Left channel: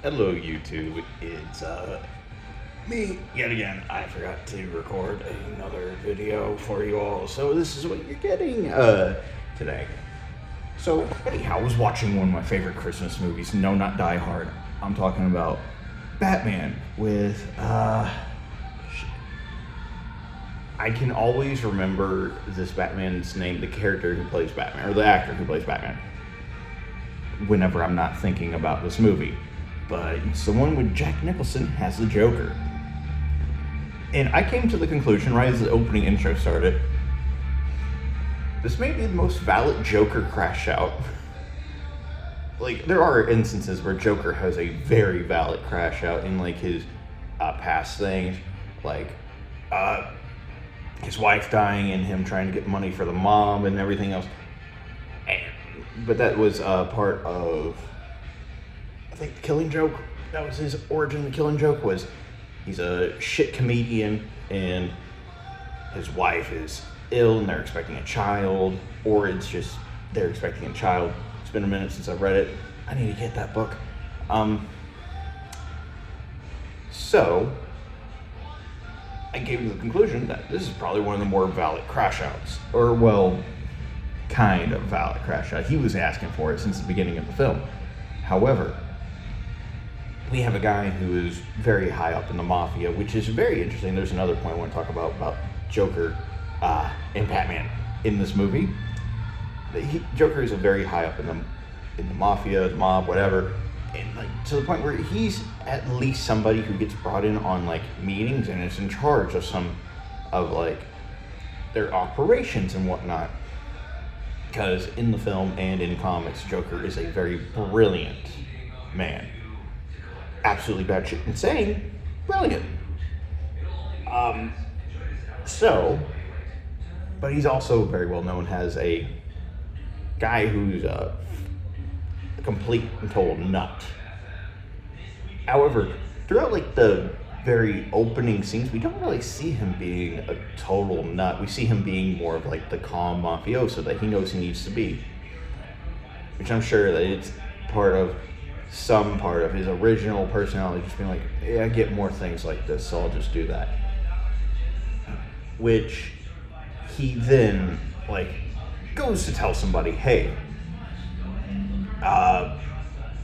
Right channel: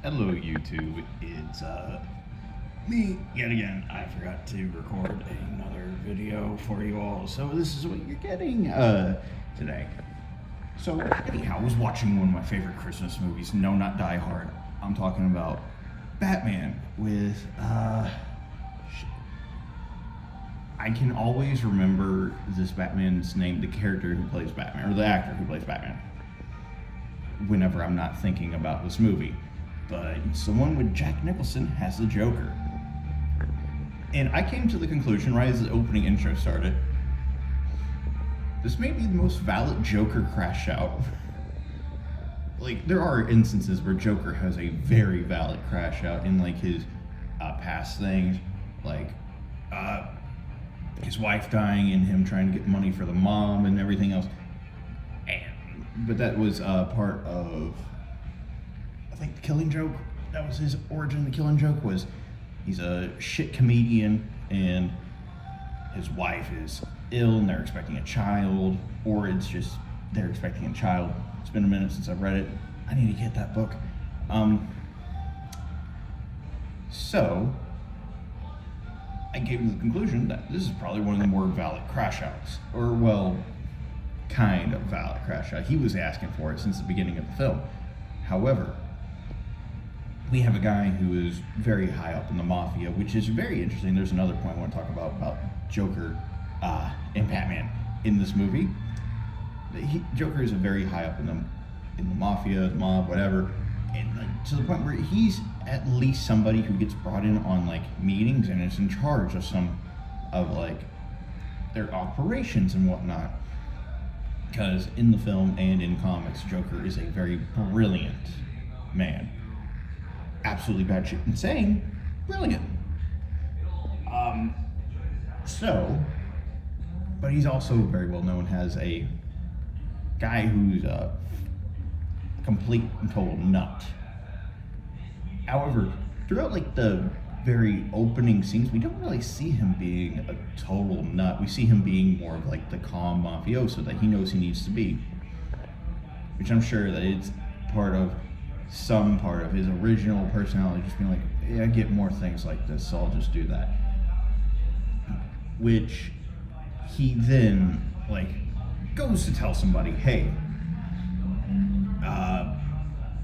Hello, YouTube. It's me yet again. I forgot to record another video for you all, so this is what you're getting today. So, anyhow, I was watching one of my favorite Christmas movies. No, not Die Hard. I'm talking about Batman with I can always remember this Batman's name, the character who plays Batman, or the actor who plays Batman, whenever I'm not thinking about this movie. But someone with Jack Nicholson has the Joker. And I came to the conclusion right as the opening intro started, this may be the most valid Joker crash out. Like, there are instances where Joker has a very valid crash out in, like, his past things, like, his wife dying and him trying to get money for the mob and everything else. But that was part of, I think, The Killing Joke. That was his origin. The Killing Joke was he's a shit comedian and his wife is ill and they're expecting a child, or it's just they're expecting a child. It's been a minute since I've read it. I need to get that book. So I came to the conclusion that this is probably one of the more valid crash outs, or well, kind of valid crash out. He was asking for it since the beginning of the film. However, we have a guy who is very high up in the mafia, which is very interesting. There's another point I want to talk about Joker and Batman in this movie. Joker is a very high up in the mafia, the mob, whatever, and like to the point where he's at least somebody who gets brought in on like meetings and is in charge of some of like their operations and whatnot. Because in the film and in comics, Joker is a very brilliant man. Absolutely batshit insane, brilliant. But he's also very well known as a guy who's a complete and total nut. However, throughout like the very opening scenes, we don't really see him being a total nut. We see him being more of like the calm mafioso that he knows he needs to be, which I'm sure that it's some part of his original personality, just being like, yeah, I get more things like this, so I'll just do that. Which he then like goes to tell somebody, hey,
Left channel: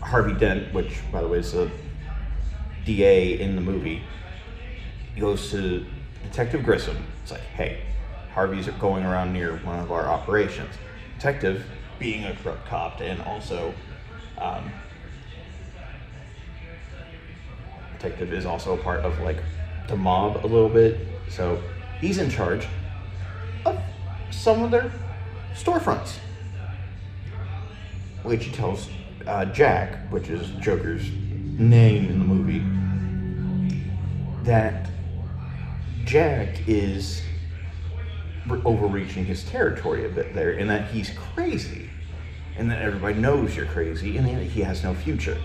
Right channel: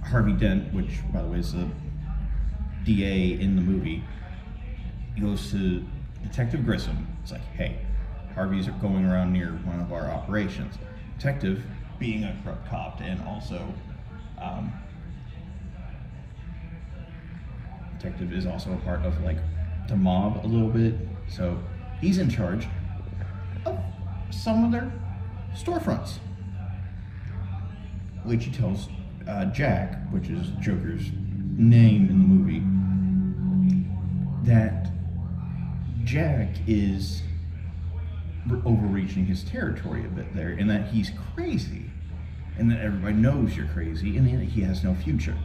Harvey Dent, which by the way is the DA in the movie, he goes to Detective Grissom. It's like, hey, Harvey's going around near one of our operations. Detective, being a corrupt cop and also Detective is also a part of like the mob a little bit, so he's in charge of some of their storefronts, which he tells Jack, which is Joker's name in the movie, that Jack is overreaching his territory a bit there, and that he's crazy, and that everybody knows you're crazy, and that he has no future.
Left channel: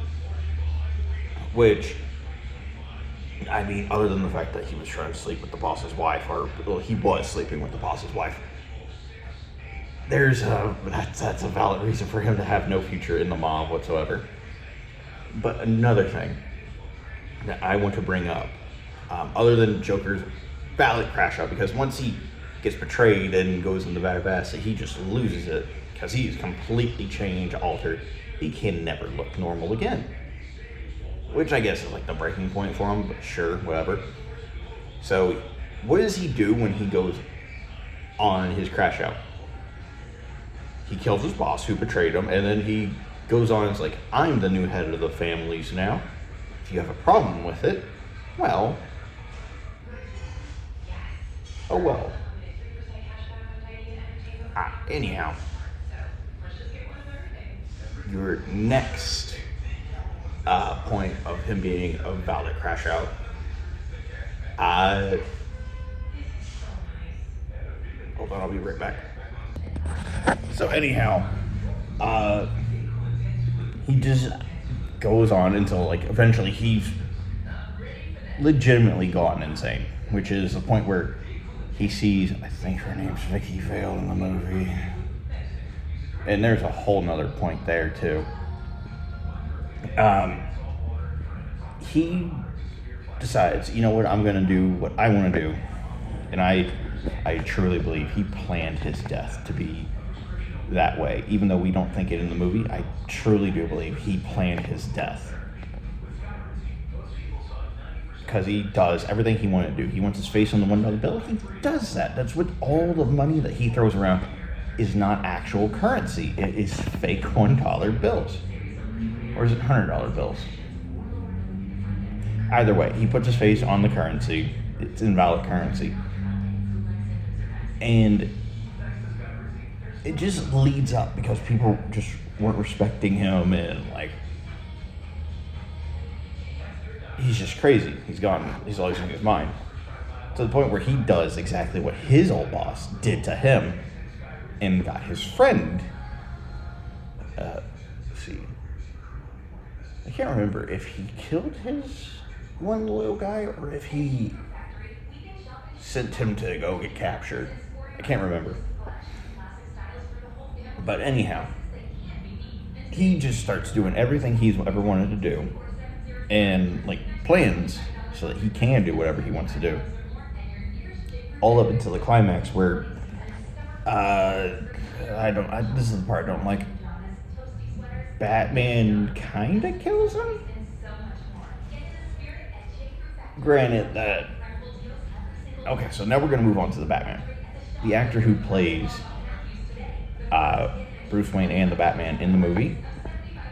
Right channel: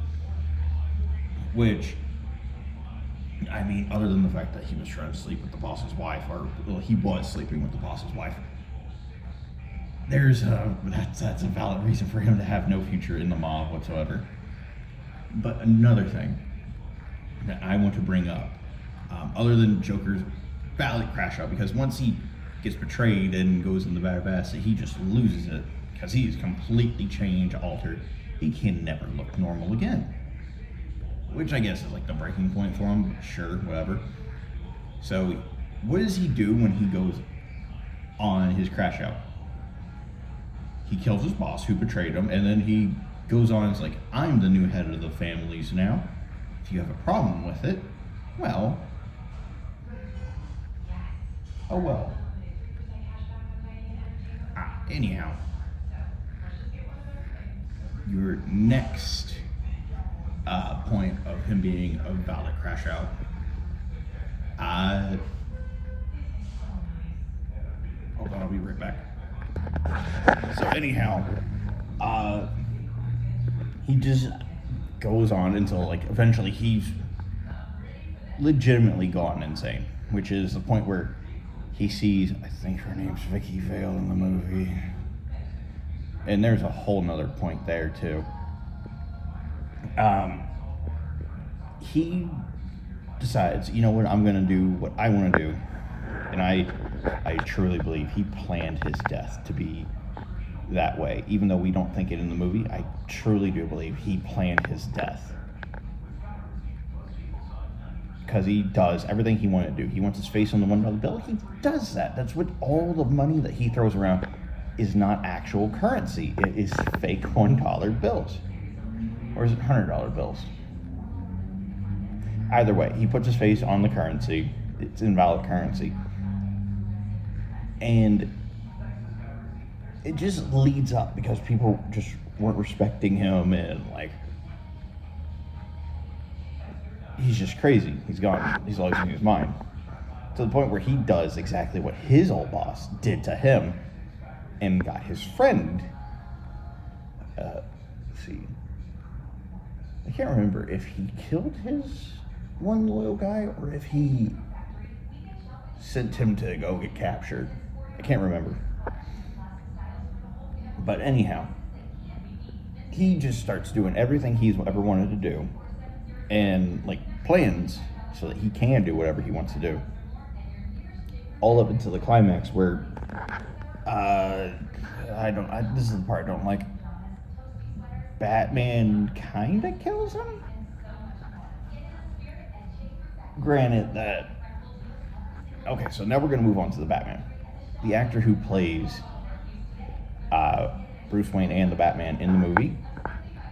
Which, I mean, other than the fact that he was trying to sleep with the boss's wife, or well, he was sleeping with the boss's wife, that's a valid reason for him to have no future in the mob whatsoever. But another thing that I want to bring up, other than Joker's valid crash out, because once he gets betrayed and goes in the bad basket, he just loses it because he's completely changed, altered. He can never look normal again, which I guess is like the breaking point for him, but sure, whatever. So what does he do when he goes on his crash out? He kills his boss who betrayed him, and then he goes on and is like, I'm the new head of the families now. If you have a problem with it, well, oh well. Anyhow, your next point of him being a valid crash out, hold on, I'll be right back. So anyhow, he just goes on until like eventually he's legitimately gone insane, which is the point where he sees, I think her name's Vicky Vale in the movie, and there's a whole nother point there too. he decides, you know what, I'm gonna do what I want to do, and I truly believe he planned his death to be that way. Even though we don't think it in the movie, I truly do believe he planned his death. Because he does everything he wanted to do. He wants his face on the $1 bill. He does that. That's what all the money that he throws around is not actual currency. It is fake $1 bills. Or is it $100 bills? Either way, he puts his face on the currency. It's invalid currency. And it just leads up because people just weren't respecting him, and like, he's just crazy. He's losing his mind. To the point where he does exactly what his old boss did to him and got his friend. Let's see. I can't remember if he killed his one little guy or if he sent him to go get captured. I can't remember. But anyhow, he just starts doing everything he's ever wanted to do, and like plans so that he can do whatever he wants to do. All up until the climax where this is the part I don't like. Batman kinda kills him. Granted that. Okay, so now we're gonna move on to the Batman. The actor who plays Bruce Wayne and the Batman in the movie,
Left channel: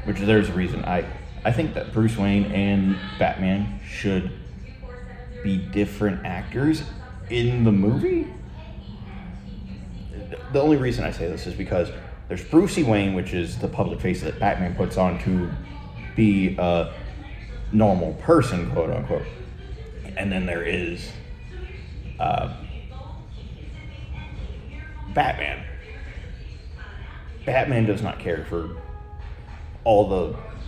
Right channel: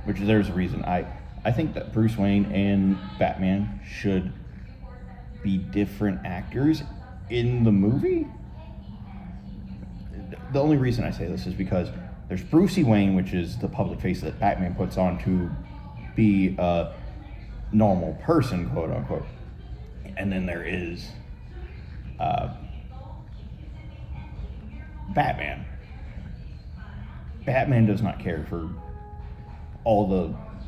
which there's a reason. I think that Bruce Wayne and Batman should be different actors in the movie. The only reason I say this is because there's Brucey Wayne, which is the public face that Batman puts on to be a normal person, quote unquote. And then there is Batman. Batman does not care for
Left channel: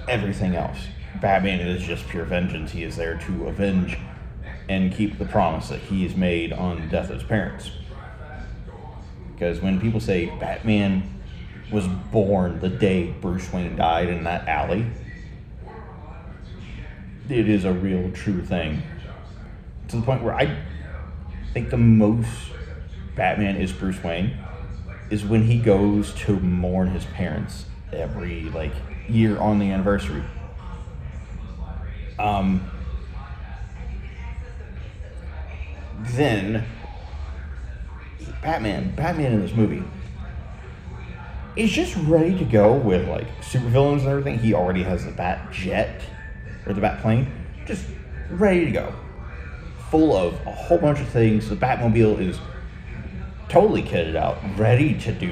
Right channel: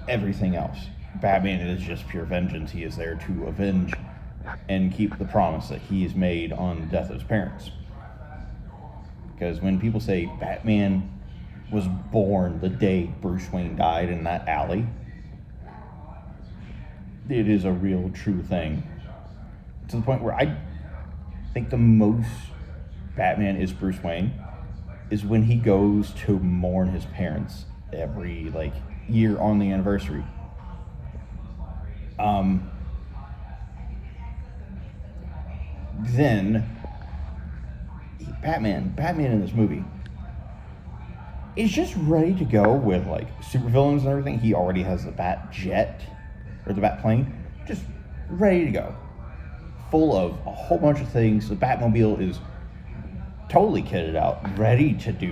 everything else. Batman is just pure vengeance. He is there to avenge and keep the promise that he's made on the death of his parents. Because when people say Batman was born the day Bruce Wayne died in that alley, it is a real true thing. To the point where I think the most Batman is Bruce Wayne is when he goes to mourn his parents every year on the anniversary. Then Batman in this movie is just ready to go with supervillains and everything. He already has the Bat Jet or the Bat Plane, just ready to go, full of a whole bunch of things. The Batmobile is totally kitted out, ready to do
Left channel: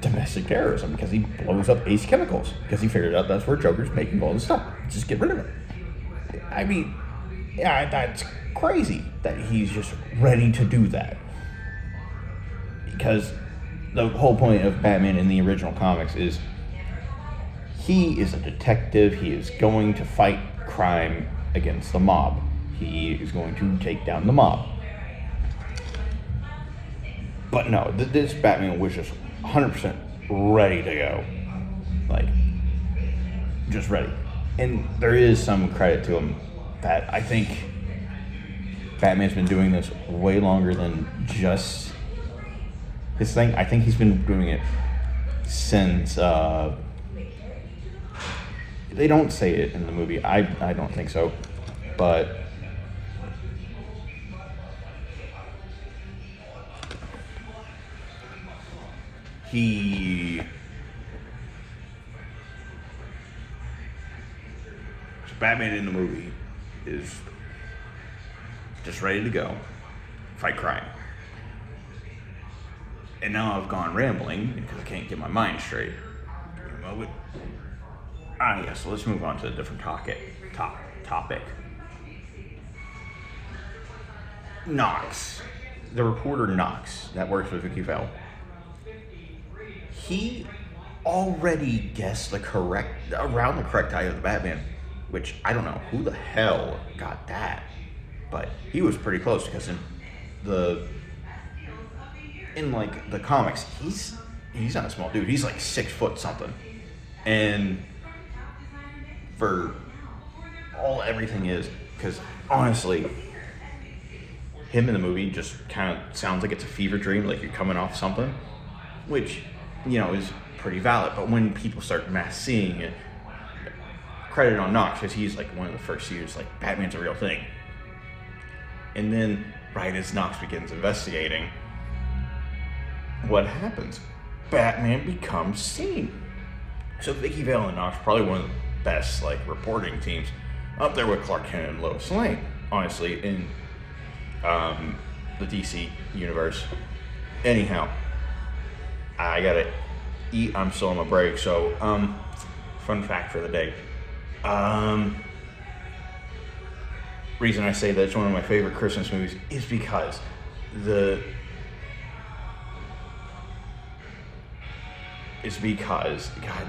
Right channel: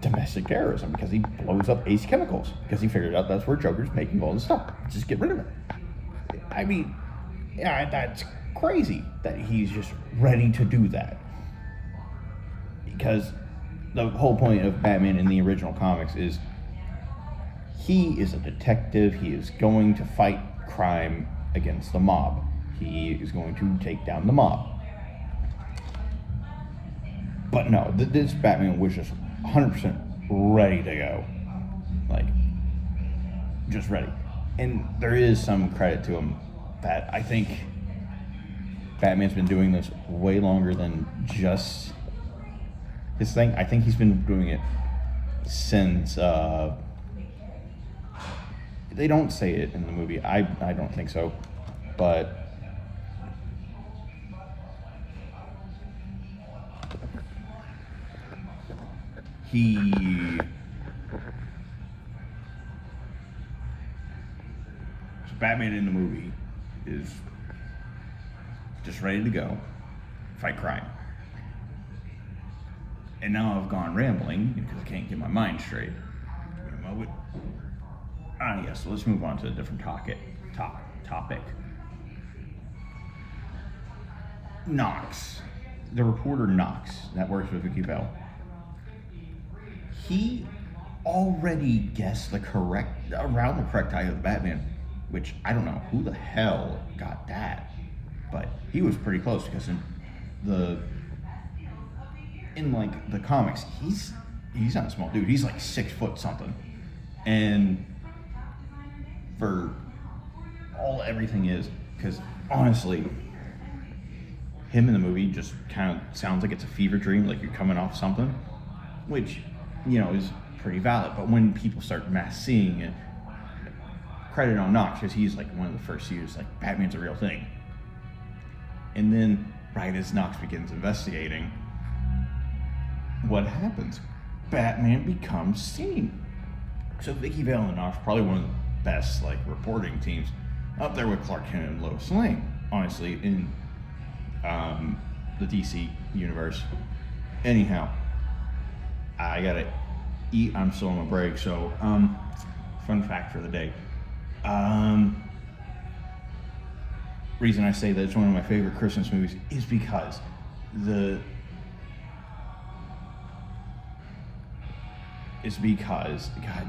domestic terrorism because he blows up Ace Chemicals because he figured out that's where Joker's making all this stuff. Just get rid of it. I mean, yeah, that's crazy that he's just ready to do that. Because the whole point of Batman in the original comics is he is a detective. He is going to fight crime against the mob. He is going to take down the mob. But no, this Batman was just 100% ready to go. Just ready. And there is some credit to him that I think Batman's been doing this way longer than just his thing. I think he's been doing it since, they don't say it in the movie. I don't think so. But Batman in the movie is just ready to go, fight crime. And now I've gone rambling because I can't get my mind straight. Give me a moment. Yes, so let's move on to a different topic. Knox, the reporter Knox that works with Vicky Vale. He already guessed around the correct eye of the Batman, which I don't know who the hell got that, but he was pretty close because in the comics, he's not a small dude. He's 6 foot something, and for everything is. Because honestly, him in the movie just kind of sounds like it's a fever dream, like you're coming off something, which, is pretty valid. But when people start mass seeing it, credit on Knox, because he's like one of the first to use like Batman's a real thing. And then right as Knox begins investigating, what happens? Batman becomes seen. So Vicky Vale and Knox, probably one of the best like reporting teams, up there with Clark Kent and Lois Lane, honestly, in the DC universe. Anyhow, I gotta eat. I'm still on my break. So, fun fact for the day. Reason I say that it's one of my favorite Christmas movies is because God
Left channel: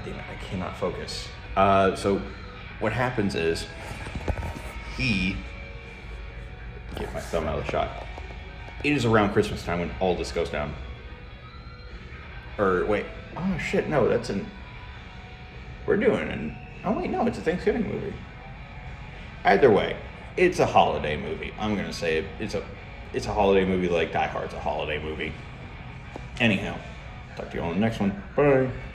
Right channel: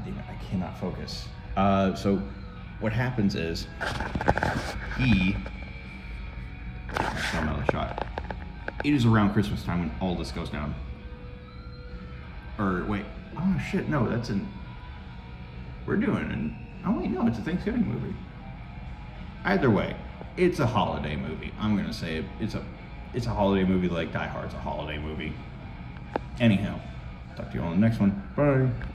damn it, I cannot focus. So what happens is get my thumb out of the shot. It is around Christmas time when all this goes down. Or wait, oh shit, no, it's a Thanksgiving movie. Either way, it's a holiday movie. I'm gonna say it's a holiday movie like Die Hard's a holiday movie. Anyhow, talk to you all in the next one. Bye.